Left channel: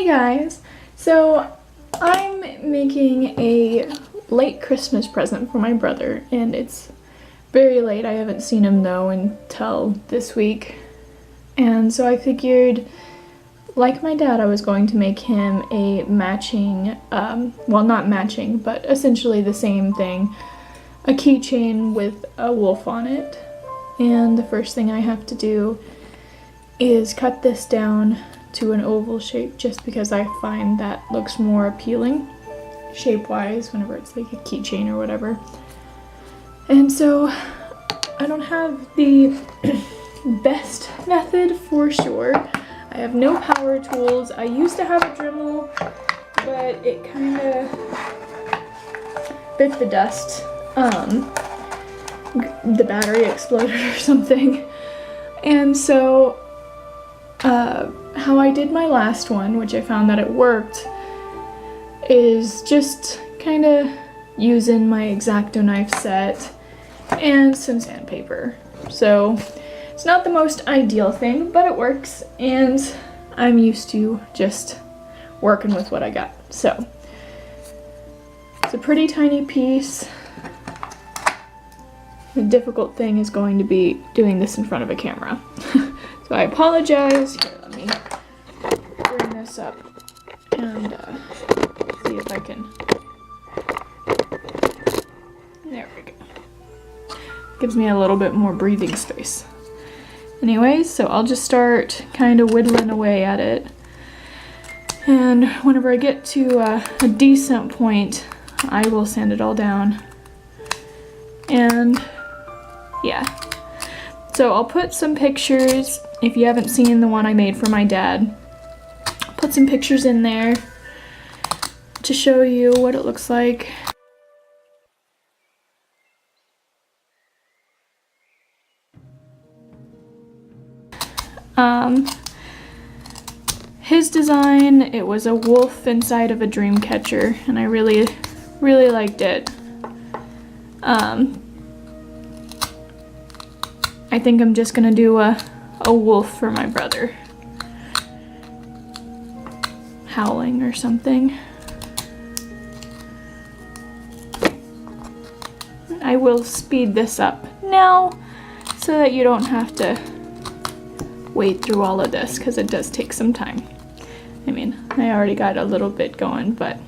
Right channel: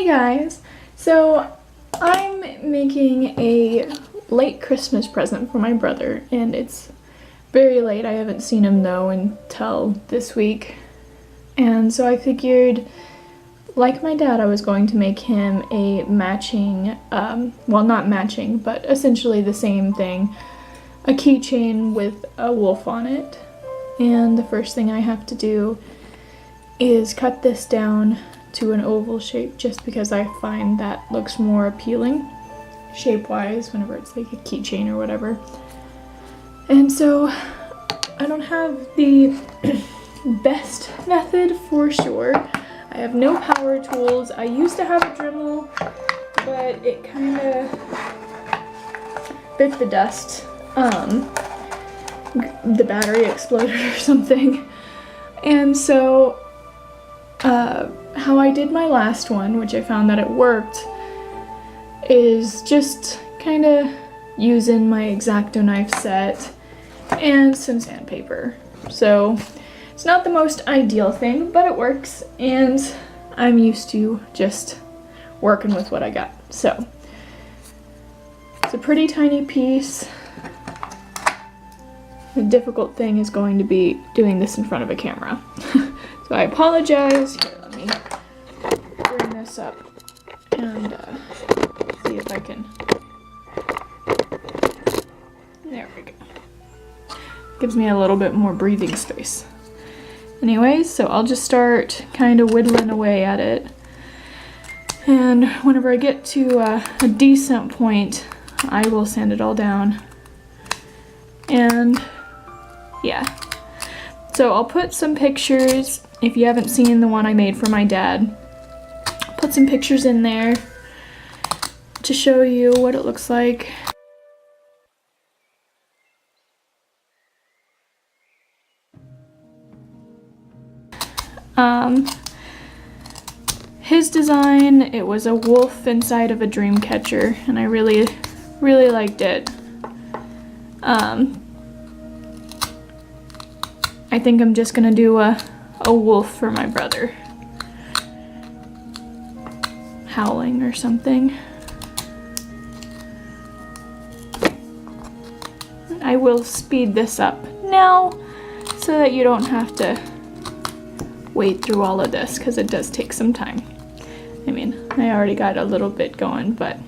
Hey guys! So I'm making a late Christmas present for my brother, and it's very late. I haven't seen him though until this week. And so I figured, like my dad, I was going to make him a matching, well, not matching, but essentially the same thing, a keychain with a wolf on it. And the first thing I have to do is cut this down to an oval shape just because I find that looks more appealing shape-wise whenever it's like a keychain or whatever. And so I don't have the best method for sure. I have no power tools. I used to have a Dremel, but it kind of bit the dust. The battery exploded or something. And so how I did my last one, which I found that it worked, is just kind of using my X-Acto knife set and some sandpaper. So it's not the most ideal thing, but it works, and I'm used to just working with what I got. So it's a pretty tiny piece. The difficult thing is going to be doing this in front of a camera. So I apologize. Here, let me bring this up and see if I can. There we go. Gives me a little bit more breathing space. Anyways, so I'll just start kind of whittling away at it. And whenever I get to a decent point, I will sand it all down. And yeah. So I'll put some pictures, if you haven't seen the one I made for my dad, I'll put some pictures in there to show you what it looks like. His design, it was a wolf inside of a dream catcher, and I really liked it. I think I'm just gonna do a wolf for my brother. Howling or something. I will speed this up now so that you don't have to wade through all of this, because it does take some time. I mean, I already got a little bit going, but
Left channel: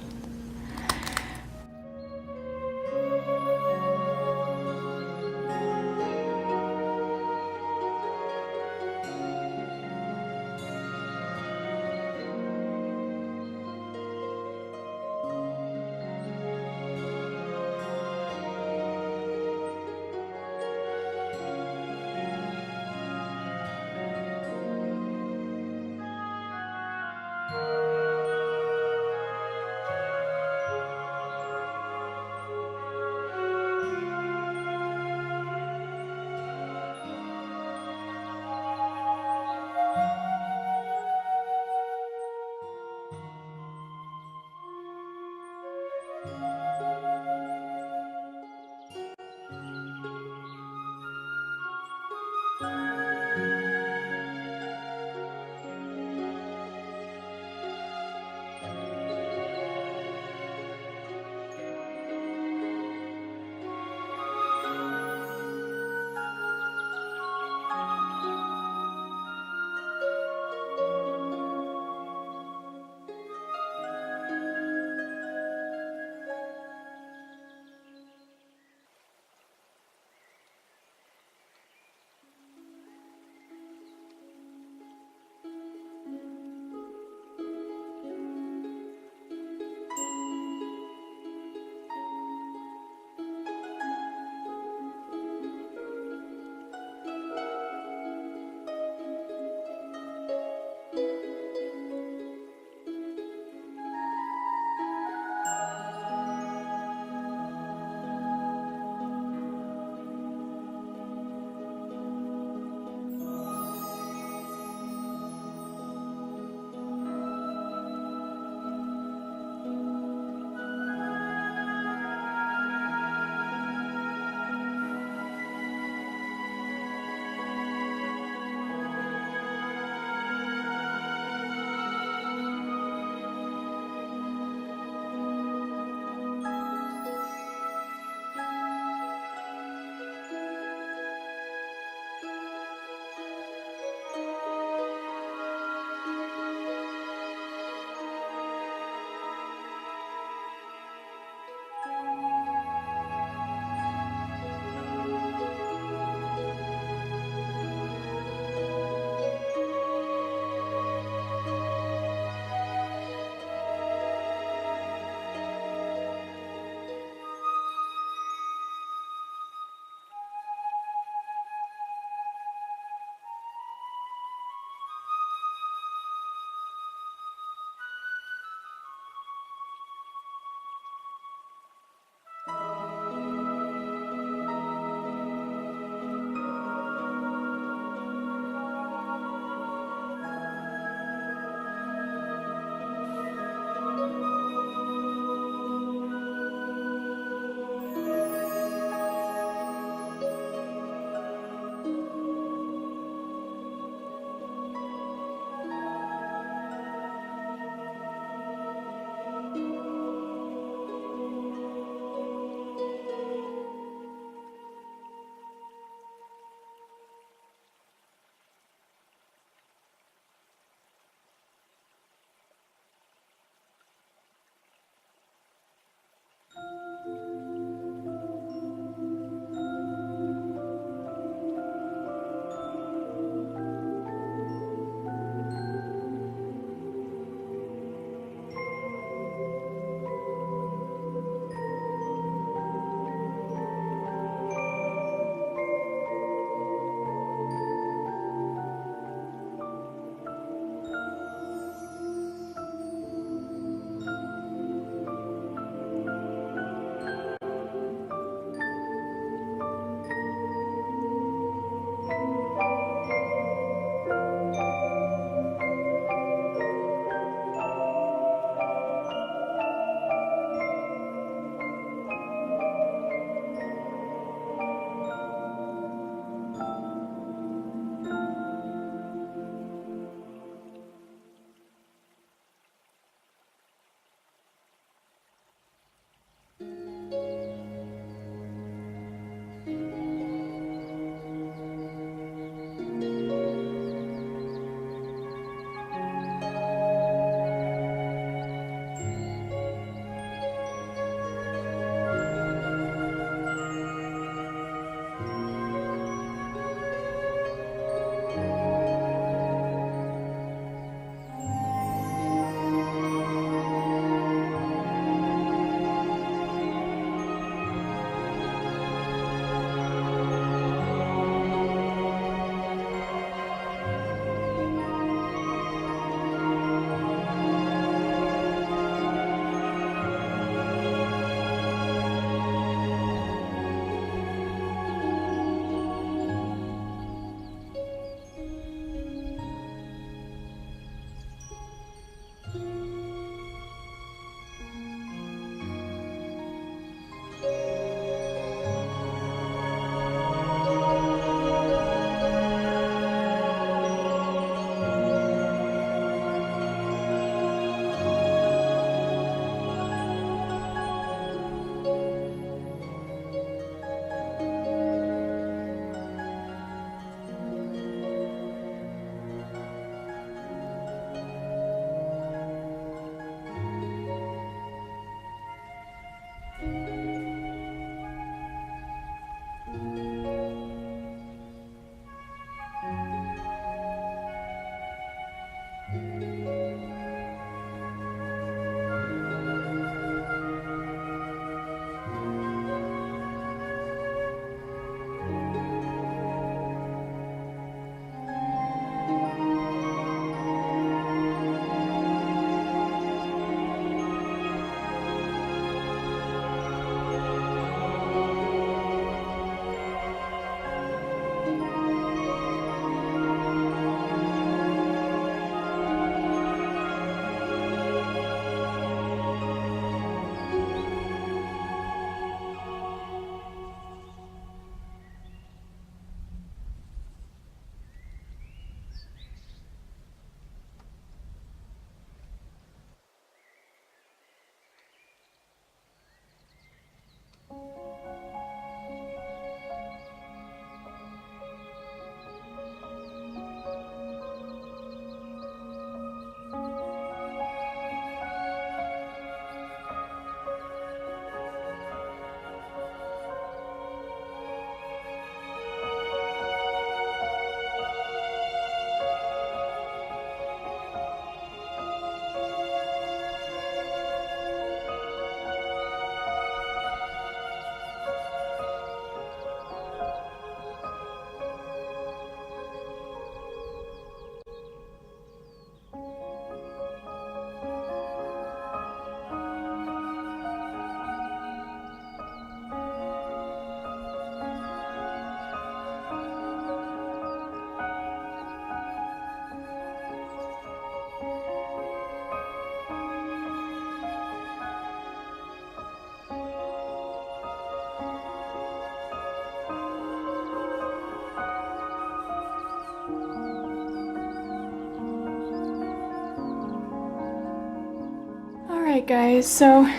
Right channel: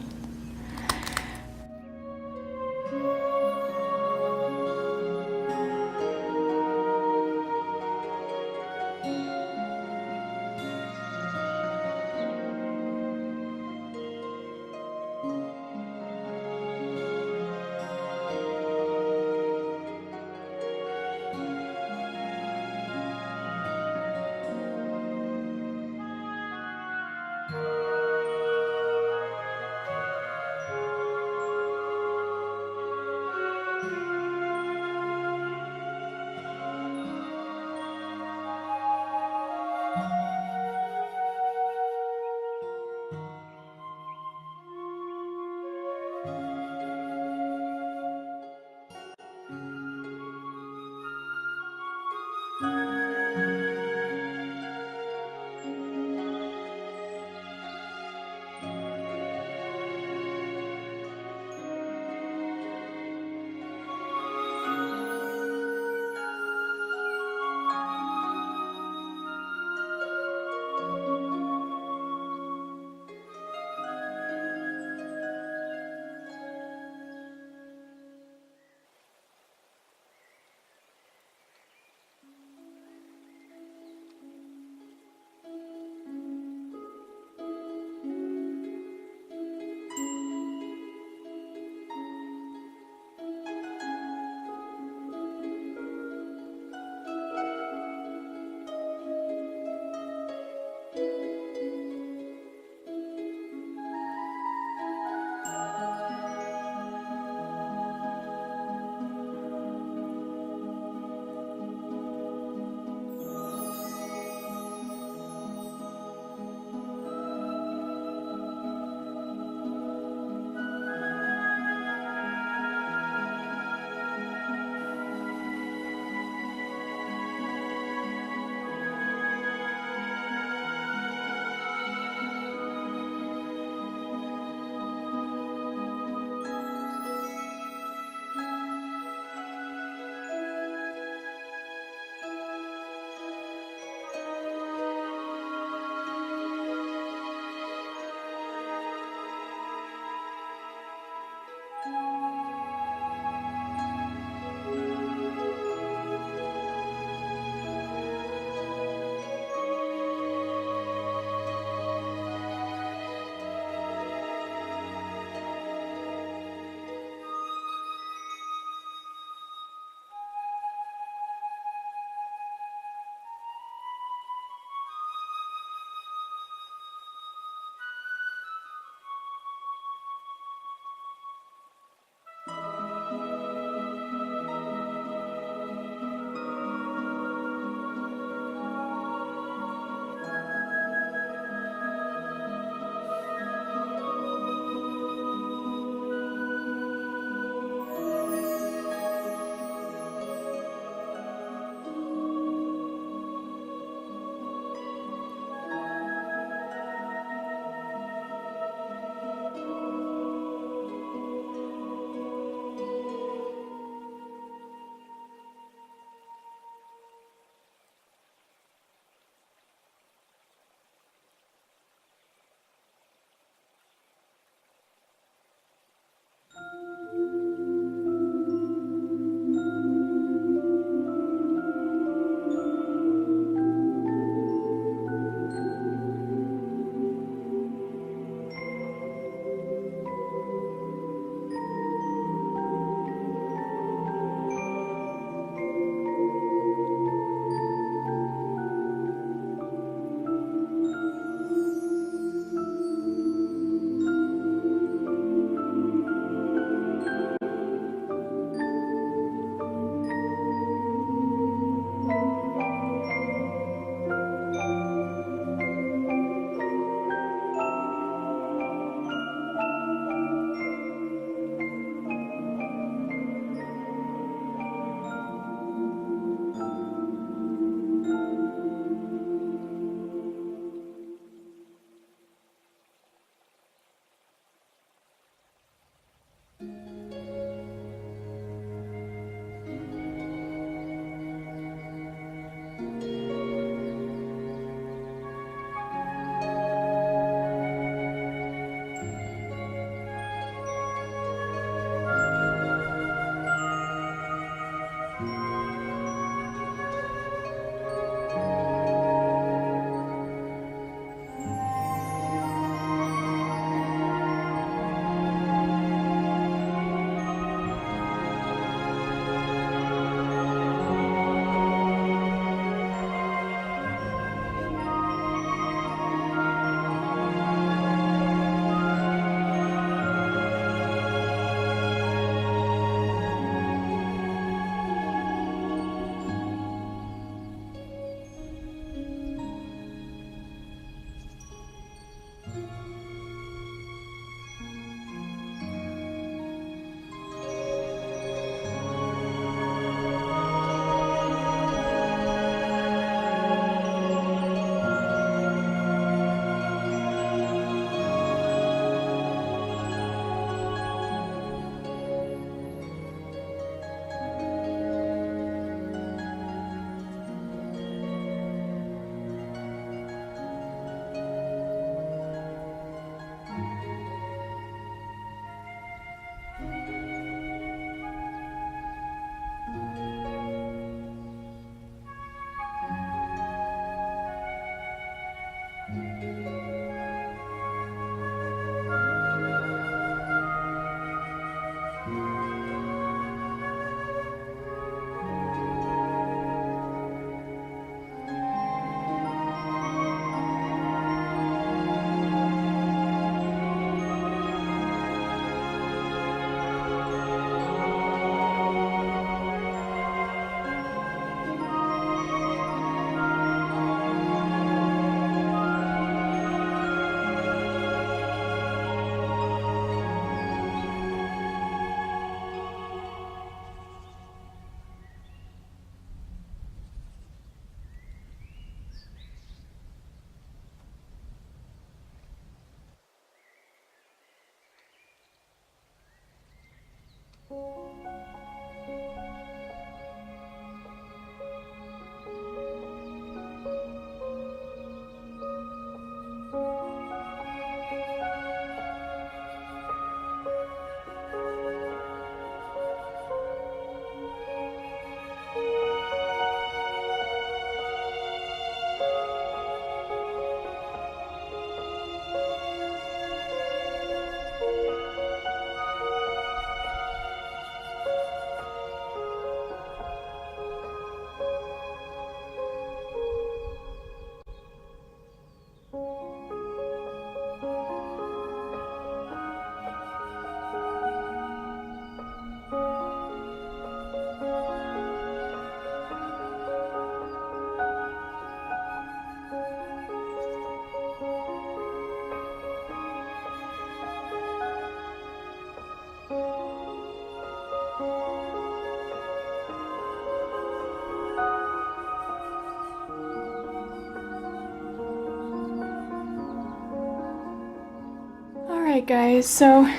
Alright guys, so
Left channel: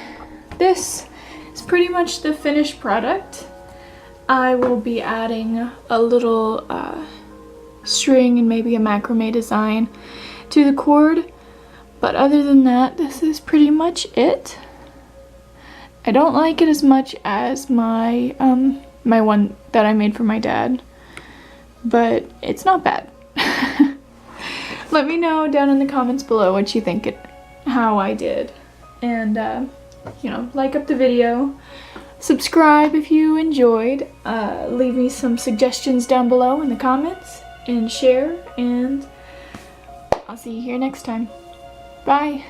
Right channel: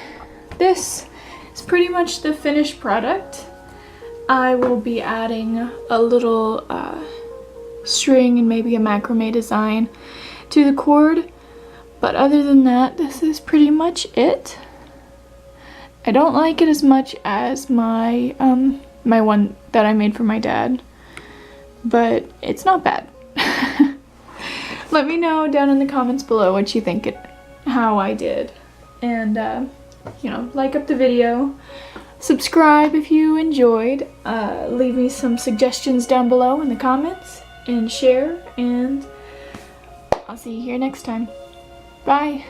this is pretty much the finished product. I will be adding a little string and maybe a macrame design to the cord, but other than that, this is pretty much it. I don't like it as much as my my one that I made for my dad, but it's not bad. Let me know down in the comments below what you think how I did. And, you know, like up the video, subscribe if you enjoyed, leave me some suggestions down below in the comments, and share, and I'll see you here next time. Bye!